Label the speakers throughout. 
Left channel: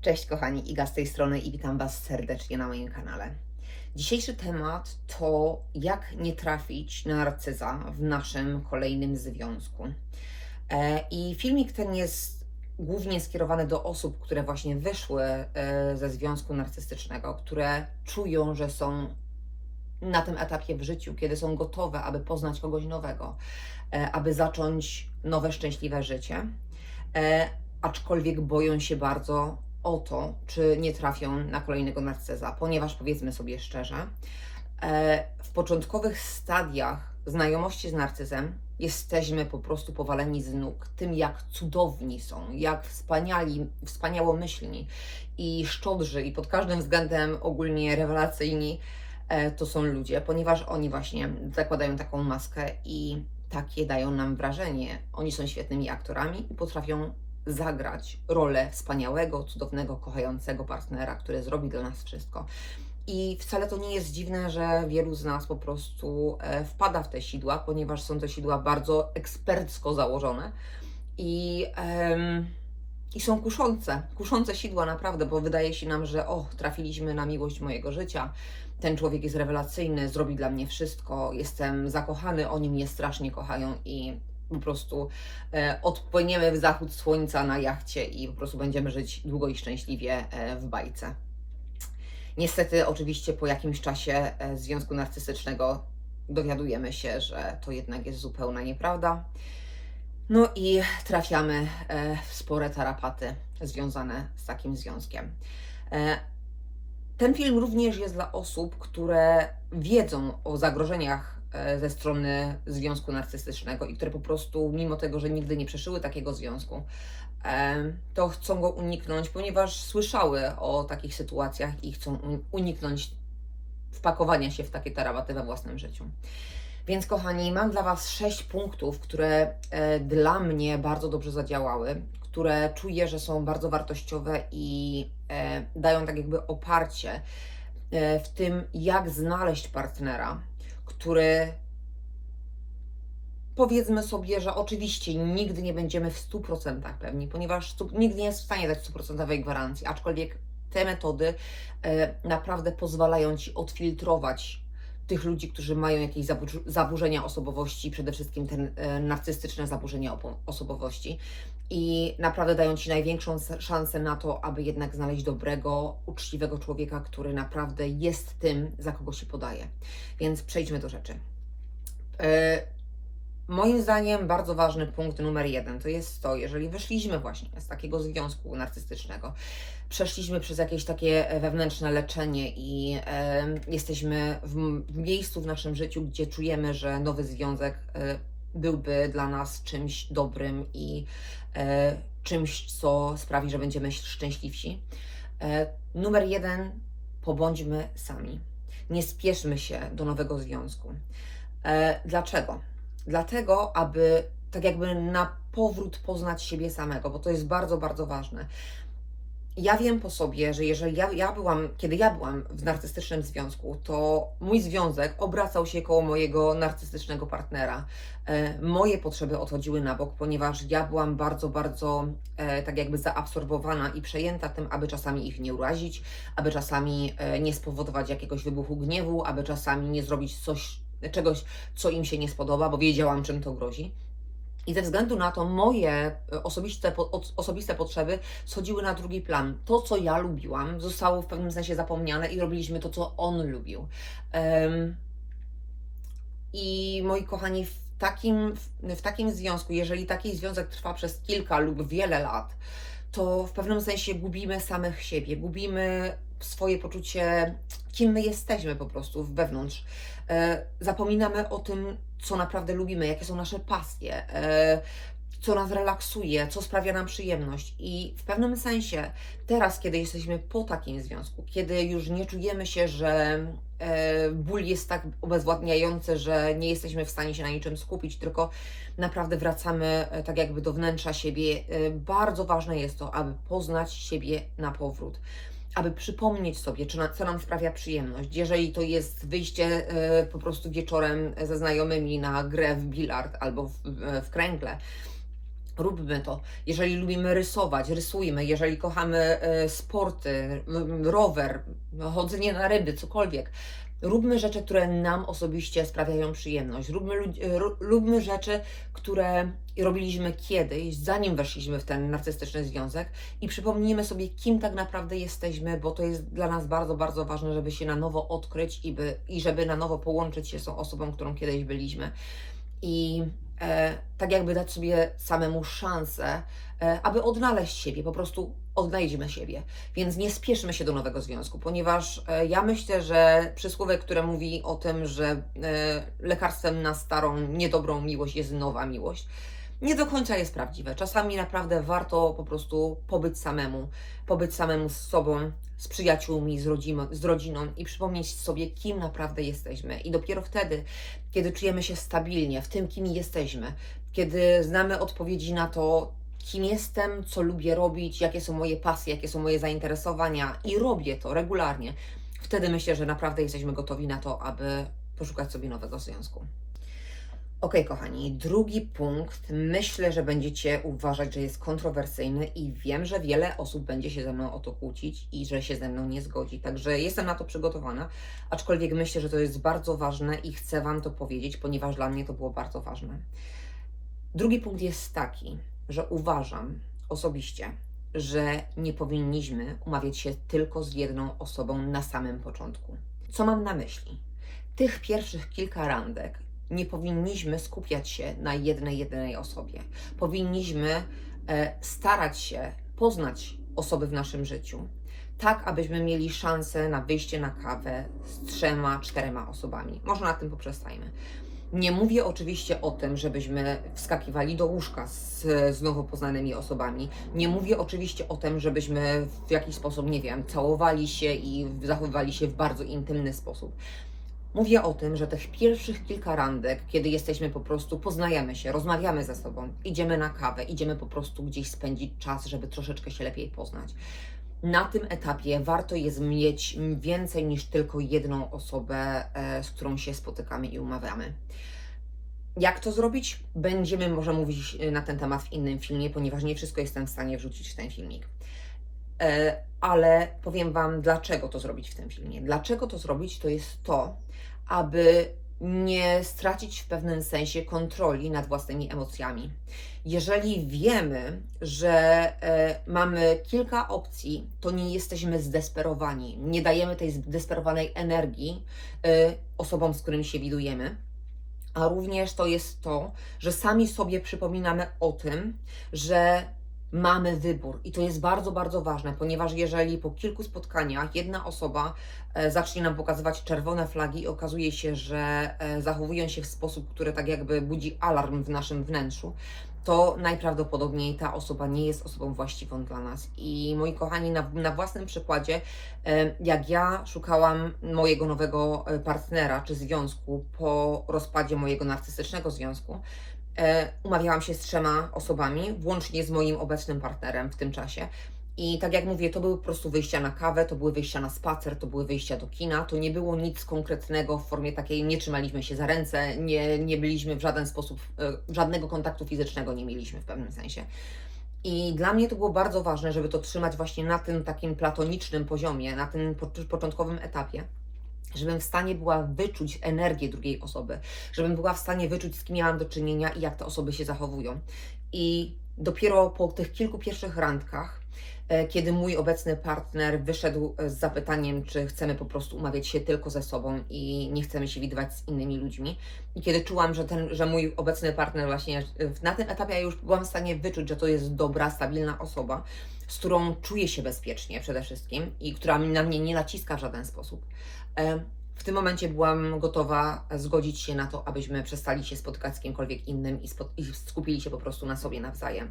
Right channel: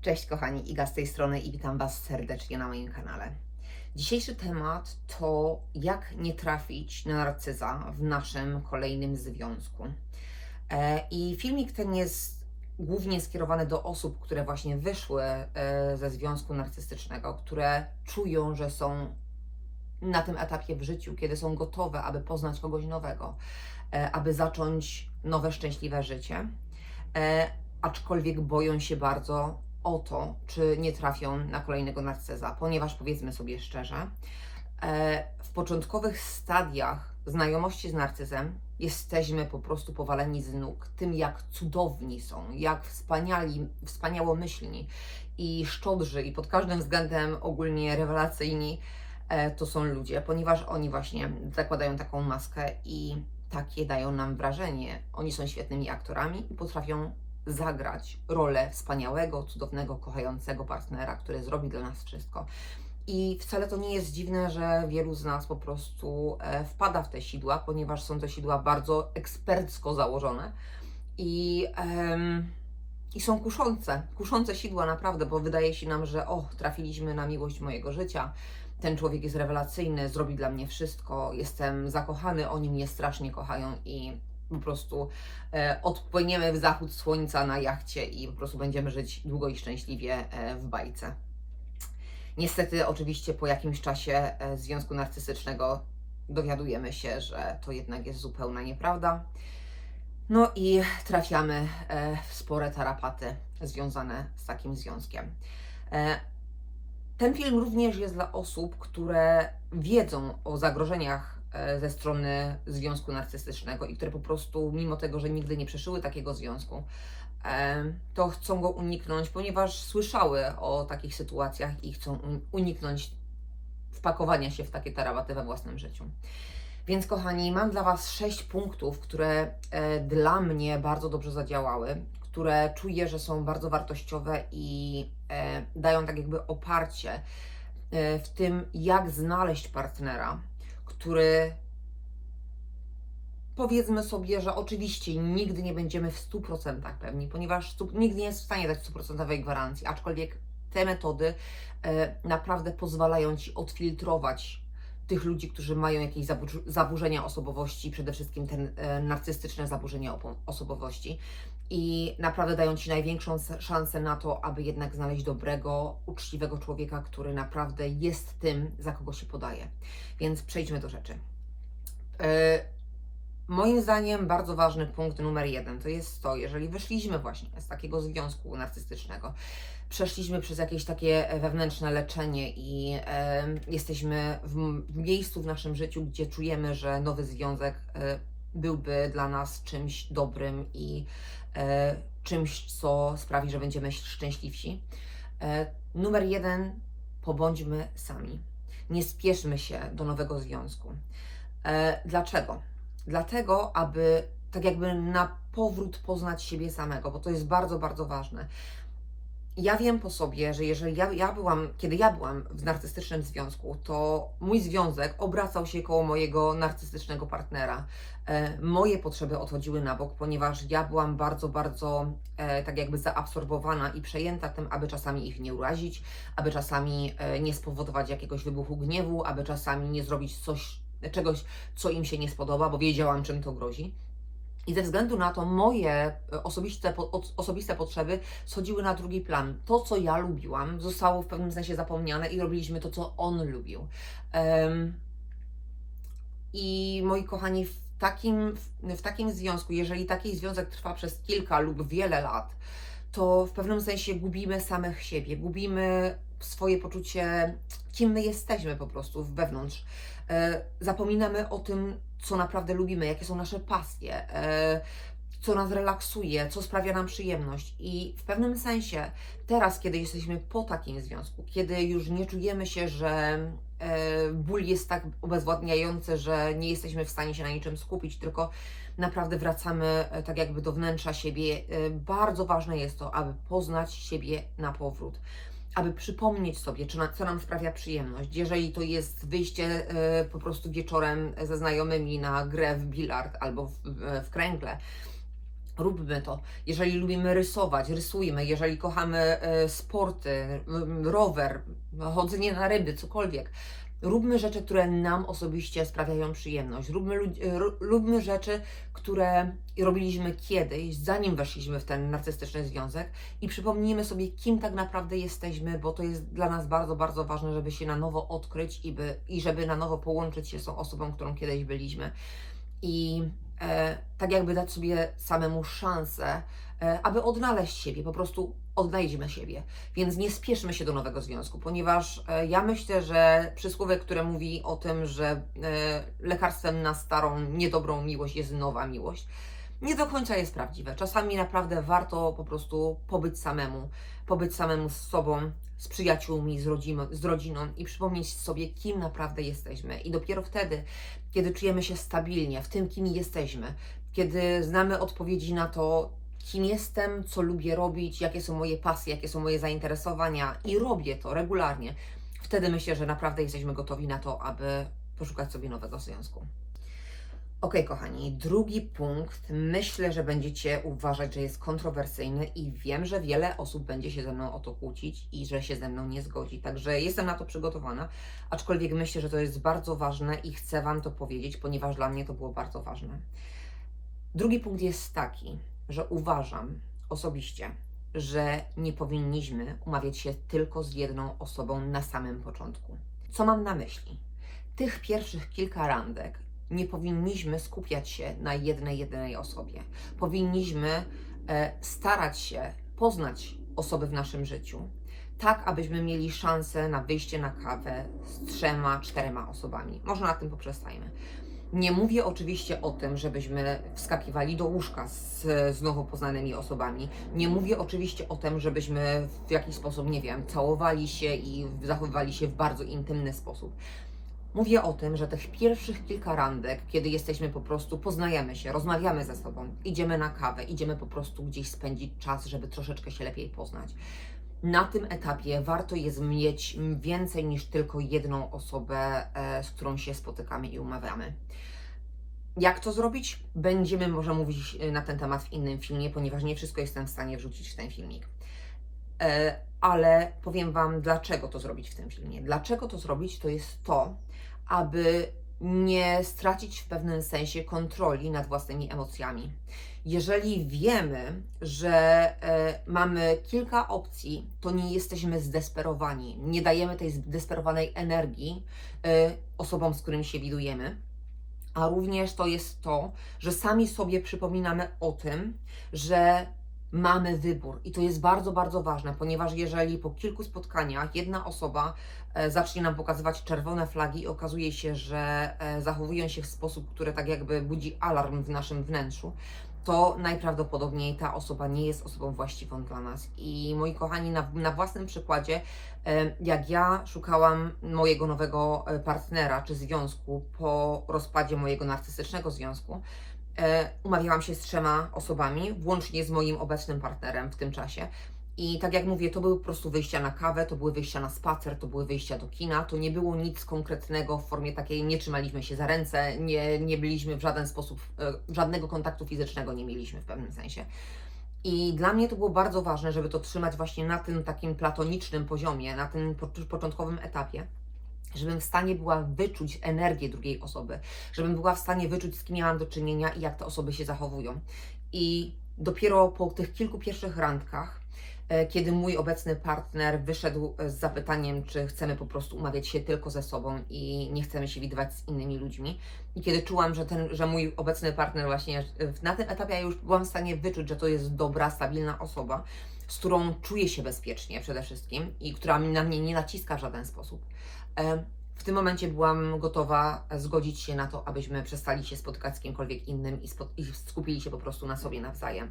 Speaker 1: Cześć kochani, Iga z tej strony i witam Was serdecznie na moim kanale. Dzisiejszy temat to jak nie trafić na narcyza w naszym kolejnym związku. E, I filmik ten jest głównie skierowany do osób, które właśnie wyszły e, ze związku narcystycznego, które czują, że są na tym etapie w życiu, kiedy są gotowe, aby poznać kogoś nowego, e, aby zacząć nowe, szczęśliwe życie. Aczkolwiek boją się bardzo o to, czy nie trafią na kolejnego narcyza, ponieważ powiedzmy sobie szczerze, e, w początkowych stadiach znajomości z narcyzem jesteśmy po prostu powaleni z nóg tym, jak cudowni są, jak wspaniali, wspaniałomyślni i szczodrzy i pod każdym względem ogólnie rewelacyjni e, to są ludzie, ponieważ oni właśnie zakładają taką maskę i takie dają nam wrażenie. Oni są świetnymi aktorami i potrafią zagrać rolę wspaniałego, cudownego, kochającego partnera, który zrobi dla nas wszystko. I wcale to nie jest dziwne, że wielu z nas po prostu e, wpada w te sidła, ponieważ są to sidła bardzo ekspercko założone i, i są kuszące, kuszące sidła naprawdę, bo wydaje się nam, że o, trafiliśmy na miłość mojego życia, ten człowiek jest rewelacyjny, zrobi dla mnie wszystko, jestem zakochany, oni mnie strasznie kochają i po prostu e, odpłyniemy w zachód słońca na jachcie i po prostu będziemy żyć długo i szczęśliwie e, w bajce. Niestety, oczywiście, po jakimś czasie e, związku narcystycznego dowiadujemy się, że to jednak jest zupełna nieprawda. No i trafiamy w spore tarapaty związane z takim związkiem. Ten film również jest dla osób, które wiedzą o zagrożeniach ze strony związku narcystycznego i które po prostu, mimo tego, że nigdy nie przeszyły takiego związku, e, to chcą go uniknąć, ponieważ słyszały o takich sytuacjach i chcą un- uniknąć wpakowania się w takie tarapaty we własnym życiu. Więc kochani, mam dla Was sześć punktów, które e, dla mnie bardzo dobrze zadziałały, które czuję, że są bardzo wartościowe i e, dają tak jakby oparcie e, w tym, jak znaleźć partnera, który powiedzmy sobie, że oczywiście nigdy nie będziemy w 100% pewni, ponieważ nikt nie jest w stanie dać 100% gwarancji, aczkolwiek te metody e, naprawdę pozwalają Ci odfiltrować tych ludzi, którzy mają jakieś zabu- zaburzenia osobowości, przede wszystkim te e, narcystyczne zaburzenia osobowości i naprawdę dają Ci największą szansę na to, aby jednak znaleźć dobrego, uczciwego człowieka, który naprawdę jest tym, za kogo się podaje. Więc przejdźmy do rzeczy. E, Moim zdaniem bardzo ważny punkt numer jeden to jest to, jeżeli wyszliśmy właśnie z takiego związku narcystycznego, przeszliśmy przez jakieś takie wewnętrzne leczenie i jesteśmy w, w miejscu w naszym życiu, gdzie czujemy, że nowy związek e, byłby dla nas czymś dobrym i czymś, co sprawi, że będziemy szczęśliwsi. E, numer jeden, pobądźmy sami. Nie spieszmy się do nowego związku. E, dlaczego? Dlatego, aby tak jakby na powrót poznać siebie samego, bo to jest bardzo, bardzo ważne. Ja wiem po sobie, że jeżeli ja, ja byłam, kiedy ja byłam w narcystycznym związku, to mój związek obracał się koło mojego narcystycznego partnera. E, moje potrzeby odchodziły na bok, ponieważ ja byłam bardzo, bardzo e, tak jakby zaabsorbowana i przejęta tym, aby czasami ich nie urazić, aby czasami e, nie spowodować jakiegoś wybuchu gniewu, aby czasami nie zrobić coś, czegoś, co im się nie spodoba, bo wiedziałam, czym to grozi. I ze względu na to moje e, osobiste, osobiste potrzeby schodziły na drugi plan. To, co ja lubiłam, zostało w pewnym sensie zapomniane i robiliśmy to, co on lubił. Em, I moi kochani, w takim, w takim związku, jeżeli taki związek trwa przez kilka lub wiele lat, to w pewnym sensie gubimy samych siebie, gubimy swoje poczucie, kim my jesteśmy po prostu wewnątrz. E, zapominamy o tym, co naprawdę lubimy, jakie są nasze pasje, e, co nas relaksuje, co sprawia nam przyjemność. I w pewnym sensie, teraz, kiedy jesteśmy po takim związku, kiedy już nie czujemy się, że e, ból jest tak obezwładniający, że nie jesteśmy w stanie się na niczym skupić, tylko naprawdę wracamy e, tak jakby do wnętrza siebie. Bardzo ważne jest to, aby poznać siebie na powrót aby przypomnieć sobie, czy co nam sprawia przyjemność. Jeżeli to jest wyjście e, po prostu wieczorem ze znajomymi na grę w bilard albo w, w, kręgle, Róbmy to. Jeżeli lubimy rysować, rysujmy. Jeżeli kochamy e, sporty, rower, chodzenie na ryby, cokolwiek. Róbmy rzeczy, które nam osobiście sprawiają przyjemność. Róbmy, e, róbmy rzeczy, które robiliśmy kiedyś, zanim weszliśmy w ten narcystyczny związek i przypomnijmy sobie, kim tak naprawdę jesteśmy, bo to jest dla nas bardzo, bardzo ważne, żeby się na nowo odkryć i, by, i żeby na nowo połączyć się z tą osobą, którą kiedyś byliśmy. I e, tak jakby dać sobie samemu szansę, aby odnaleźć siebie, po prostu odnajdźmy siebie. Więc nie spieszmy się do nowego związku, ponieważ e, ja myślę, że przysłowie, które mówi o tym, że e, lekarstwem na starą, niedobrą miłość jest nowa miłość, nie do końca jest prawdziwe. Czasami naprawdę warto po prostu pobyć samemu, pobyć samemu z sobą, z przyjaciółmi, z, rodziną, z rodziną i przypomnieć sobie, kim naprawdę jesteśmy. I dopiero wtedy, kiedy czujemy się stabilnie w tym, kim jesteśmy, kiedy znamy odpowiedzi na to, kim jestem, co lubię robić, jakie są moje pasje, jakie są moje zainteresowania i robię to regularnie, wtedy myślę, że naprawdę jesteśmy gotowi na to, aby poszukać sobie nowego związku. Ok, kochani, drugi punkt. Myślę, że będziecie uważać, że jest kontrowersyjny i wiem, że wiele osób będzie się ze mną o to kłócić i że się ze mną nie zgodzi. Także jestem na to przygotowana, aczkolwiek myślę, że to jest bardzo ważne i chcę Wam to powiedzieć, ponieważ dla mnie to było bardzo ważne. Drugi punkt jest taki, że uważam osobiście, że nie powinniśmy umawiać się tylko z jedną osobą na samym początku. Co mam na myśli? Tych pierwszych kilka randek nie powinniśmy skupiać się na jednej, jedynej osobie. Powinniśmy e, starać się poznać osoby w naszym życiu, tak abyśmy mieli szansę na wyjście na kawę z trzema, czterema osobami. Może na tym poprzestajmy. Nie mówię oczywiście o tym, żebyśmy wskakiwali do łóżka z, z nowo poznanymi osobami. Nie mówię oczywiście o tym, żebyśmy w jakiś sposób, nie wiem, całowali się i zachowywali się w bardzo intymny sposób. Mówię o tym, że tych pierwszych kilka randek, kiedy jesteśmy po prostu, poznajemy się, rozmawiamy ze sobą, idziemy na kawę, idziemy po prostu gdzieś spędzić czas, żeby troszeczkę się lepiej poznać. Na tym etapie warto jest mieć więcej niż tylko jedną osobę, e, z którą się spotykamy i umawiamy. Jak to zrobić? Będziemy może mówić e, na ten temat w innym filmie, ponieważ nie wszystko jestem w stanie wrzucić w ten filmik. E, Ale powiem Wam, dlaczego to zrobić w tym filmie. Dlaczego to zrobić, to jest to, aby nie stracić w pewnym sensie kontroli nad własnymi emocjami. Jeżeli wiemy, że e, mamy kilka opcji, to nie jesteśmy zdesperowani, nie dajemy tej zdesperowanej energii e, osobom, z którymi się widujemy. A również to jest to, że sami sobie przypominamy o tym, że mamy wybór. I to jest bardzo, bardzo ważne, ponieważ jeżeli po kilku spotkaniach jedna osoba e, zacznie nam pokazywać czerwone flagi i okazuje się, że e, zachowują się w sposób, który tak jakby budzi alarm w naszym wnętrzu, to najprawdopodobniej ta osoba nie jest osobą właściwą dla nas. I moi kochani, na, na własnym przykładzie, e, jak ja szukałam mojego nowego partnera czy związku po rozpadzie mojego narcystycznego związku, umawiałam się z trzema osobami, włącznie z moim obecnym partnerem w tym czasie. I tak jak mówię, to były po prostu wyjścia na kawę, to były wyjścia na spacer, to były wyjścia do kina, to nie było nic konkretnego w formie takiej, nie trzymaliśmy się za ręce, nie, nie byliśmy w żaden sposób, e, żadnego kontaktu fizycznego nie mieliśmy w pewnym sensie. I dla mnie to było bardzo ważne, żeby to trzymać właśnie na tym takim platonicznym poziomie, na tym po- początkowym etapie żebym w stanie była wyczuć energię drugiej osoby, żebym była w stanie wyczuć, z kim miałam do czynienia i jak te osoby się zachowują. I dopiero po tych kilku pierwszych randkach, e, kiedy mój obecny partner wyszedł z zapytaniem, czy chcemy po prostu umawiać się tylko ze sobą i nie chcemy się widywać z innymi ludźmi, i kiedy czułam, że, ten, że mój obecny partner właśnie e, na tym etapie ja już byłam w stanie wyczuć, że to jest dobra, stabilna osoba, z którą czuję się bezpiecznie przede wszystkim i która na mnie nie naciska w żaden sposób. E, W tym momencie byłam gotowa zgodzić się na to, abyśmy przestali się spotykać z kimkolwiek innym i, i skupili się po prostu na sobie nawzajem.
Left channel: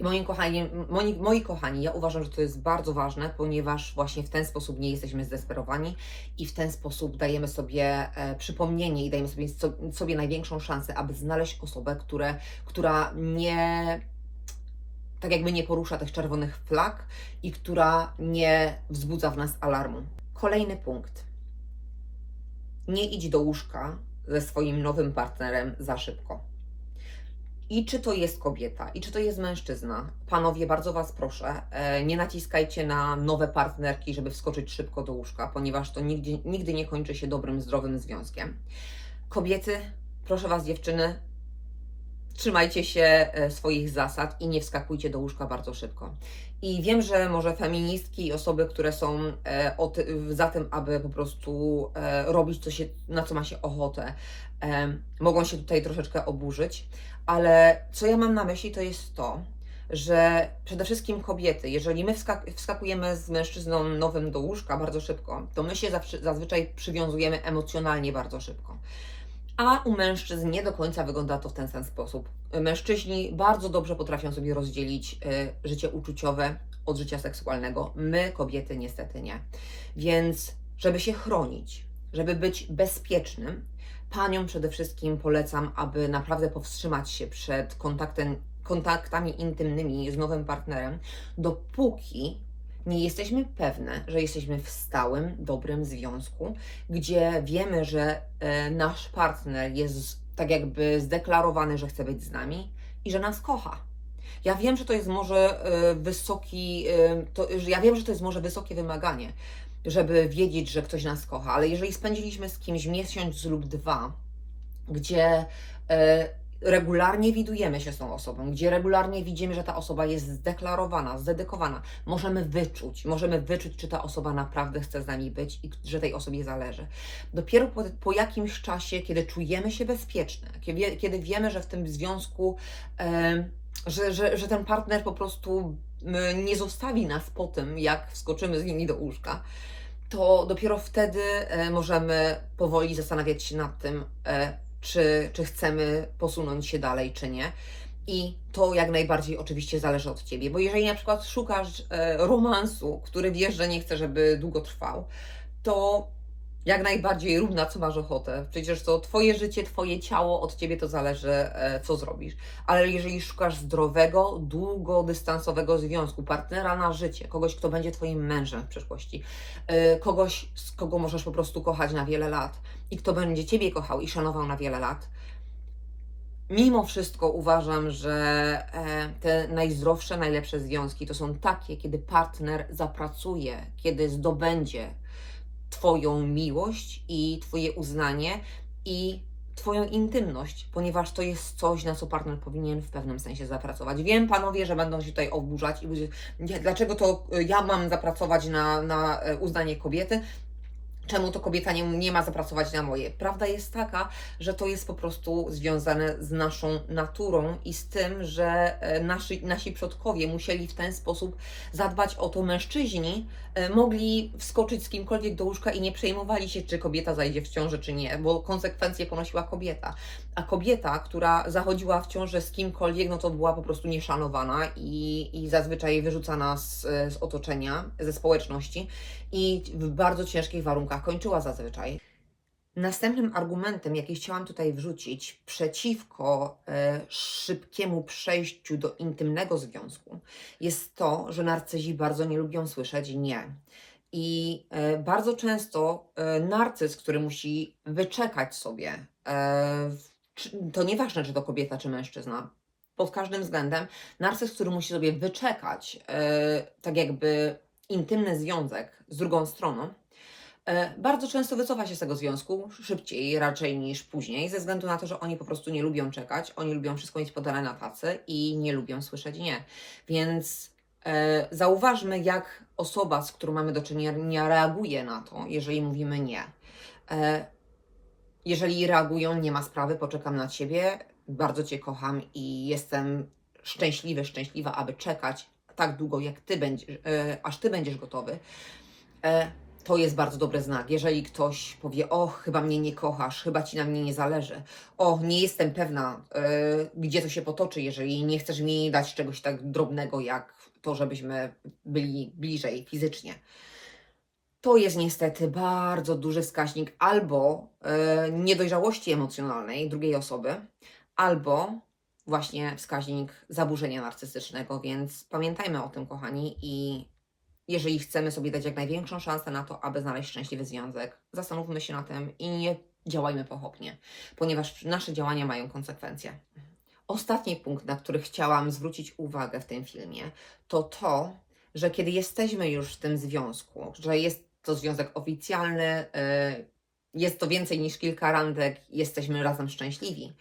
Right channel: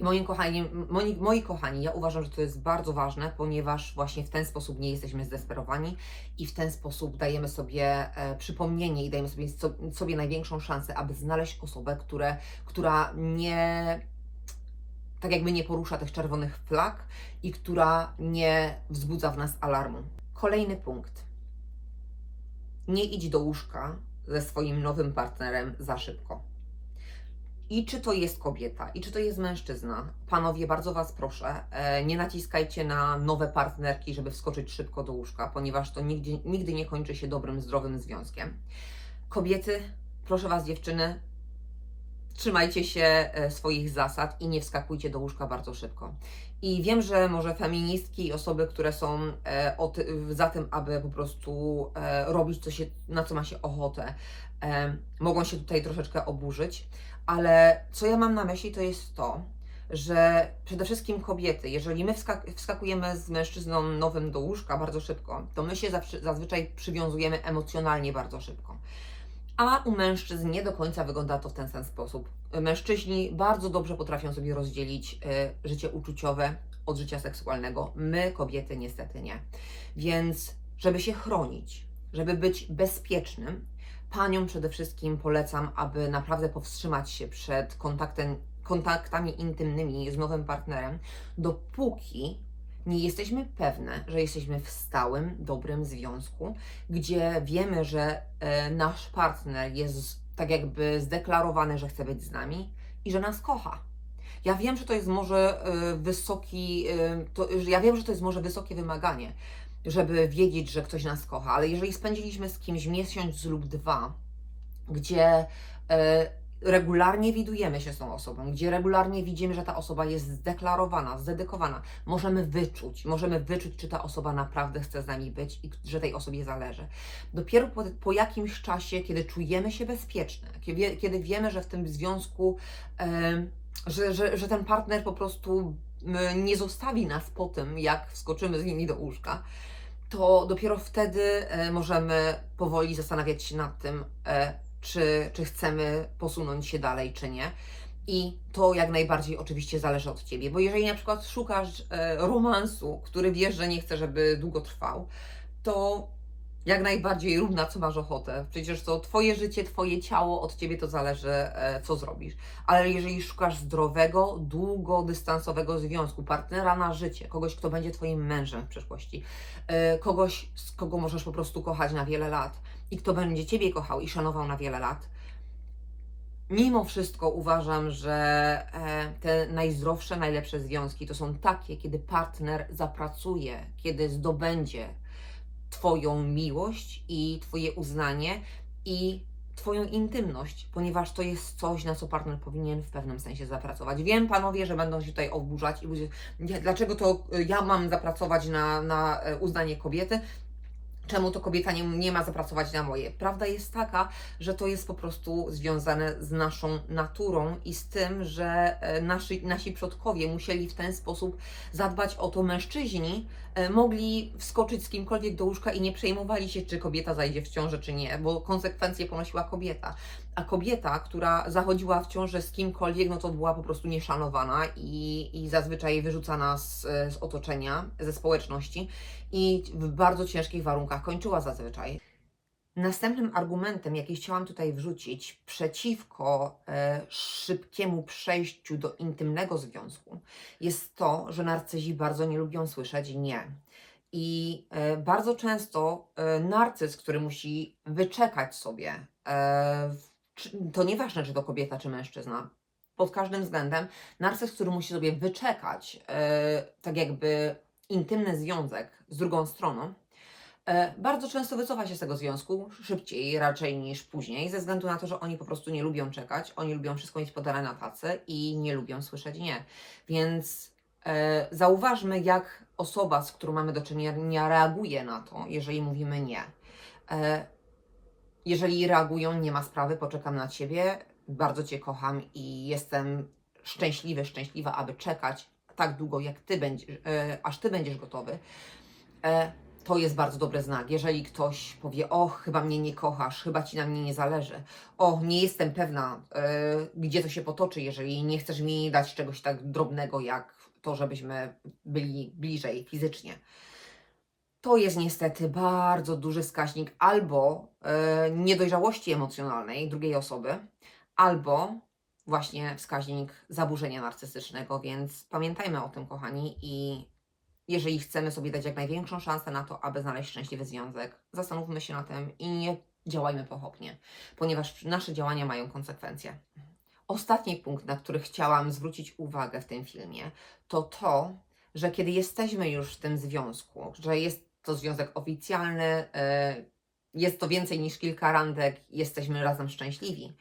Speaker 1: I moi kochani, moi, moi kochani, ja uważam, że to jest bardzo ważne, ponieważ właśnie w ten sposób nie jesteśmy zdesperowani i w ten sposób dajemy sobie e, przypomnienie i dajemy sobie, so, sobie największą szansę, aby znaleźć osobę, które, która nie tak jakby nie porusza tych czerwonych flag i która nie wzbudza w nas alarmu. Kolejny punkt. Nie idź do łóżka ze swoim nowym partnerem za szybko. I czy to jest kobieta, i czy to jest mężczyzna, panowie, bardzo Was proszę, e, nie naciskajcie na nowe partnerki, żeby wskoczyć szybko do łóżka, ponieważ to nigdy, nigdy nie kończy się dobrym, zdrowym związkiem. Kobiety, proszę Was, dziewczyny, trzymajcie się e, swoich zasad i nie wskakujcie do łóżka bardzo szybko. I wiem, że może feministki i osoby, które są e, za tym, aby po prostu e, robić co się, na co ma się ochotę, e, mogą się tutaj troszeczkę oburzyć, ale co ja mam na myśli, to jest to, że przede wszystkim kobiety, jeżeli my wskak- wskakujemy z mężczyzną nowym do łóżka bardzo szybko, to my się zazwyczaj przywiązujemy emocjonalnie bardzo szybko. A u mężczyzn nie do końca wygląda to w ten sam sposób. Mężczyźni bardzo dobrze potrafią sobie rozdzielić y, życie uczuciowe od życia seksualnego. My, kobiety, niestety nie. Więc, żeby się chronić, żeby być bezpiecznym, paniom przede wszystkim polecam, aby naprawdę powstrzymać się przed kontaktem, kontaktami intymnymi z nowym partnerem, dopóki nie jesteśmy pewne, że jesteśmy w stałym, dobrym związku, gdzie wiemy, że e, nasz partner jest tak jakby zdeklarowany, że chce być z nami i że nas kocha. Ja wiem, że to jest może e, wysoki, e, to, ja wiem, że to jest może wysokie wymaganie, żeby wiedzieć, że ktoś nas kocha, ale jeżeli spędziliśmy z kimś miesiąc lub dwa, gdzie regularnie widujemy się z tą osobą, gdzie regularnie widzimy, że ta osoba jest zdeklarowana, zdedykowana, możemy wyczuć, możemy wyczuć, czy ta osoba naprawdę chce z nami być i że tej osobie zależy. Dopiero po, po jakimś czasie, kiedy czujemy się bezpieczne, kiedy, wiemy, że w tym związku, e, że, że, że ten partner po prostu nie zostawi nas po tym, jak wskoczymy z nimi do łóżka, to dopiero wtedy e, możemy powoli zastanawiać się nad tym, e, czy, czy chcemy posunąć się dalej, czy nie. I to jak najbardziej oczywiście zależy od ciebie, bo jeżeli na przykład szukasz e, romansu, który wiesz, że nie chce, żeby długo trwał, to jak najbardziej rób na co masz ochotę. Przecież to twoje życie, twoje ciało, od ciebie to zależy, e, co zrobisz. Ale jeżeli szukasz zdrowego, długodystansowego związku, partnera na życie, kogoś, kto będzie twoim mężem w przyszłości, e, kogoś, z kogo możesz po prostu kochać na wiele lat i kto będzie ciebie kochał i szanował na wiele lat, mimo wszystko uważam, że e, te najzdrowsze, najlepsze związki to są takie, kiedy partner zapracuje, kiedy zdobędzie Twoją miłość i Twoje uznanie i Twoją intymność, ponieważ to jest coś, na co partner powinien w pewnym sensie zapracować. Wiem, panowie, że będą się tutaj oburzać i będzie, dlaczego to y, ja mam zapracować na, na e, uznanie kobiety, czemu to kobieta nie, nie ma zapracować na moje. Prawda jest taka, że to jest po prostu związane z naszą naturą i z tym, że e, nasi, nasi przodkowie musieli w ten sposób zadbać o to mężczyźni, e, mogli wskoczyć z kimkolwiek do łóżka i nie przejmowali się, czy kobieta zajdzie w ciążę, czy nie, bo konsekwencje ponosiła kobieta. A kobieta, która zachodziła w ciążę z kimkolwiek, no to była po prostu nieszanowana i, i zazwyczaj wyrzucana z, z otoczenia, ze społeczności i w bardzo ciężkich warunkach kończyła zazwyczaj. Następnym argumentem, jaki chciałam tutaj wrzucić przeciwko e, szybkiemu przejściu do intymnego związku, jest to, że narcyzi bardzo nie lubią słyszeć nie. I e, bardzo często e, narcyz, który musi wyczekać sobie, to nieważne, czy to kobieta, czy mężczyzna, pod każdym względem, narcyz, który musi sobie wyczekać, tak jakby intymny związek z drugą stroną, bardzo często wycofa się z tego związku szybciej raczej niż później, ze względu na to, że oni po prostu nie lubią czekać, oni lubią wszystko mieć podane na tacy i nie lubią słyszeć nie. Więc e, zauważmy, jak osoba, z którą mamy do czynienia, reaguje na to, jeżeli mówimy nie. E, jeżeli reagują, nie ma sprawy, poczekam na Ciebie, bardzo Cię kocham i jestem szczęśliwy, szczęśliwa, aby czekać tak długo, jak Ty będziesz, e, aż Ty będziesz gotowy, e, to jest bardzo dobry znak. Jeżeli ktoś powie, o, chyba mnie nie kochasz, chyba Ci na mnie nie zależy, o, nie jestem pewna, e, gdzie to się potoczy, jeżeli nie chcesz mi dać czegoś tak drobnego, jak to, żebyśmy byli bliżej fizycznie. To jest niestety bardzo duży wskaźnik albo e, niedojrzałości emocjonalnej drugiej osoby, albo właśnie wskaźnik zaburzenia narcystycznego, więc pamiętajmy o tym, kochani, i jeżeli chcemy sobie dać jak największą szansę na to, aby znaleźć szczęśliwy związek, zastanówmy się na tym i nie działajmy pochopnie, ponieważ nasze działania mają konsekwencje. ostatni punkt, na który chciałam zwrócić uwagę w tym filmie, to to, że kiedy jesteśmy już w tym związku, że jest to związek oficjalny, e, jest to więcej niż kilka randek, jesteśmy razem szczęśliwi.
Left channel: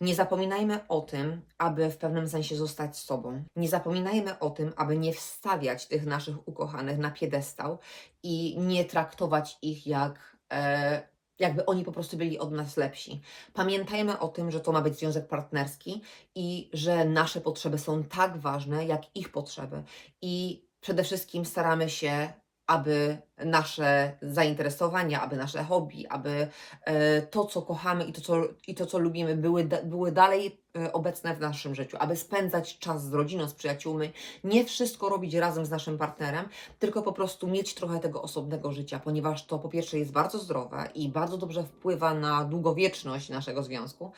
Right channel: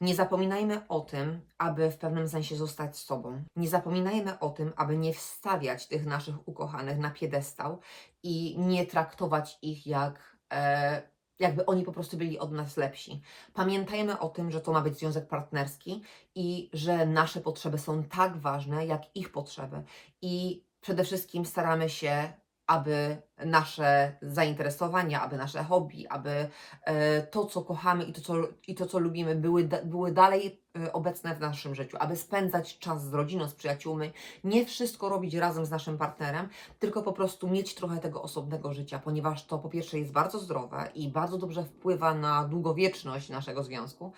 Speaker 1: Nie zapominajmy o tym, aby w pewnym sensie zostać sobą. Nie zapominajmy o tym, aby nie wstawiać tych naszych ukochanych na piedestał i nie traktować ich jak, e, jakby oni po prostu byli od nas lepsi. Pamiętajmy o tym, że to ma być związek partnerski i że nasze potrzeby są tak ważne, jak ich potrzeby. I przede wszystkim staramy się, aby nasze zainteresowania, aby nasze hobby, aby e, to, co kochamy i to, co, i to, co lubimy, były, były dalej e, obecne w naszym życiu, aby spędzać czas z rodziną, z przyjaciółmi, nie wszystko robić razem z naszym partnerem, tylko po prostu mieć trochę tego osobnego życia, ponieważ to po pierwsze jest bardzo zdrowe i bardzo dobrze wpływa na długowieczność naszego związku,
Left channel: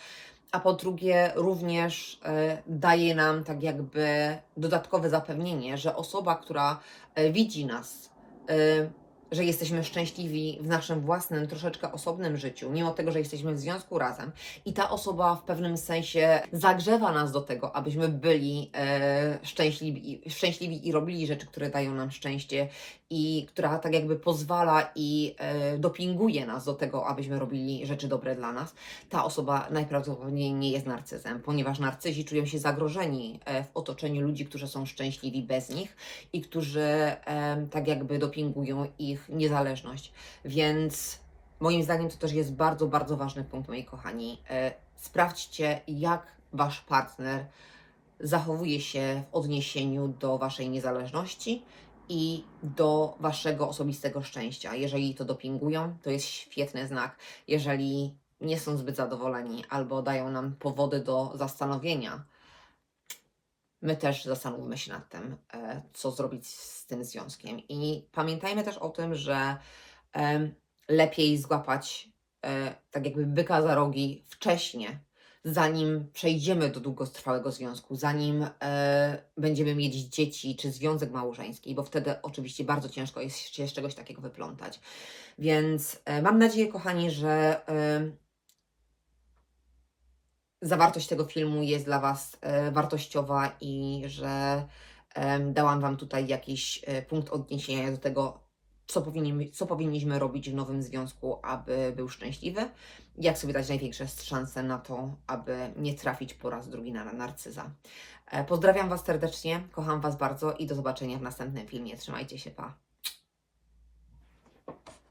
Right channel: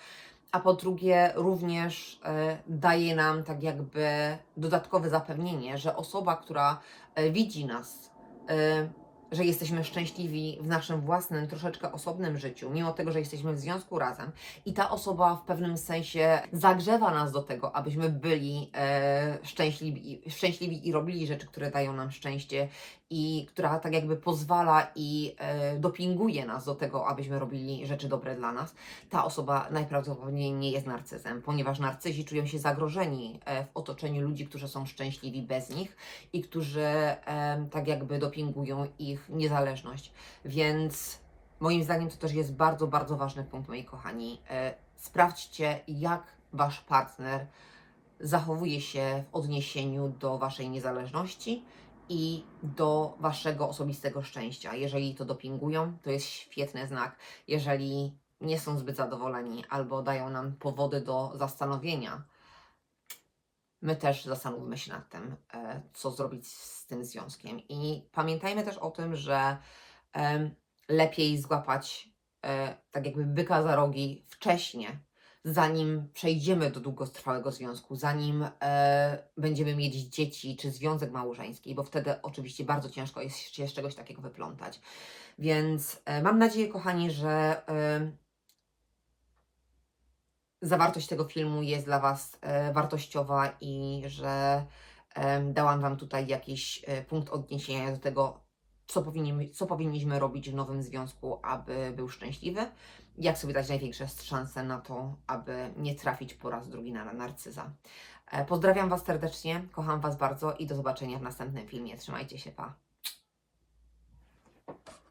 Speaker 1: a po drugie również e, daje nam tak jakby dodatkowe zapewnienie, że osoba, która widzi nas, że jesteśmy szczęśliwi w naszym własnym, troszeczkę osobnym życiu, mimo tego, że jesteśmy w związku razem, i ta osoba w pewnym sensie zagrzewa nas do tego, abyśmy byli e, szczęśliwi, szczęśliwi i robili rzeczy, które dają nam szczęście, i która tak jakby pozwala i e, dopinguje nas do tego, abyśmy robili rzeczy dobre dla nas, ta osoba najprawdopodobniej nie jest narcyzem, ponieważ narcyzi czują się zagrożeni e, w otoczeniu ludzi, którzy są szczęśliwi bez nich i którzy e, tak jakby dopingują ich niezależność. Więc moim zdaniem to też jest bardzo, bardzo ważny punkt, moi kochani. Sprawdźcie, jak wasz partner zachowuje się w odniesieniu do waszej niezależności i do waszego osobistego szczęścia. Jeżeli to dopingują, to jest świetny znak. Jeżeli nie są zbyt zadowoleni albo dają nam powody do zastanowienia, my też zastanówmy się nad tym, e, co zrobić z tym związkiem. I pamiętajmy też o tym, że lepiej złapać e, tak jakby byka za rogi wcześnie, zanim przejdziemy do długotrwałego związku, zanim e, będziemy mieć dzieci czy związek małżeński, bo wtedy oczywiście bardzo ciężko jest się z czegoś takiego wyplątać. Więc e, mam nadzieję, kochani, że e, zawartość tego filmu jest dla Was e, wartościowa i że em, dałam Wam tutaj jakiś e, punkt odniesienia do tego, co, powinni, co powinniśmy robić w nowym związku, aby był szczęśliwy, jak sobie dać największe szanse na to, aby nie trafić po raz drugi na narcyza. E, Pozdrawiam Was serdecznie, kocham Was bardzo i do zobaczenia w następnym filmie. Trzymajcie się, pa!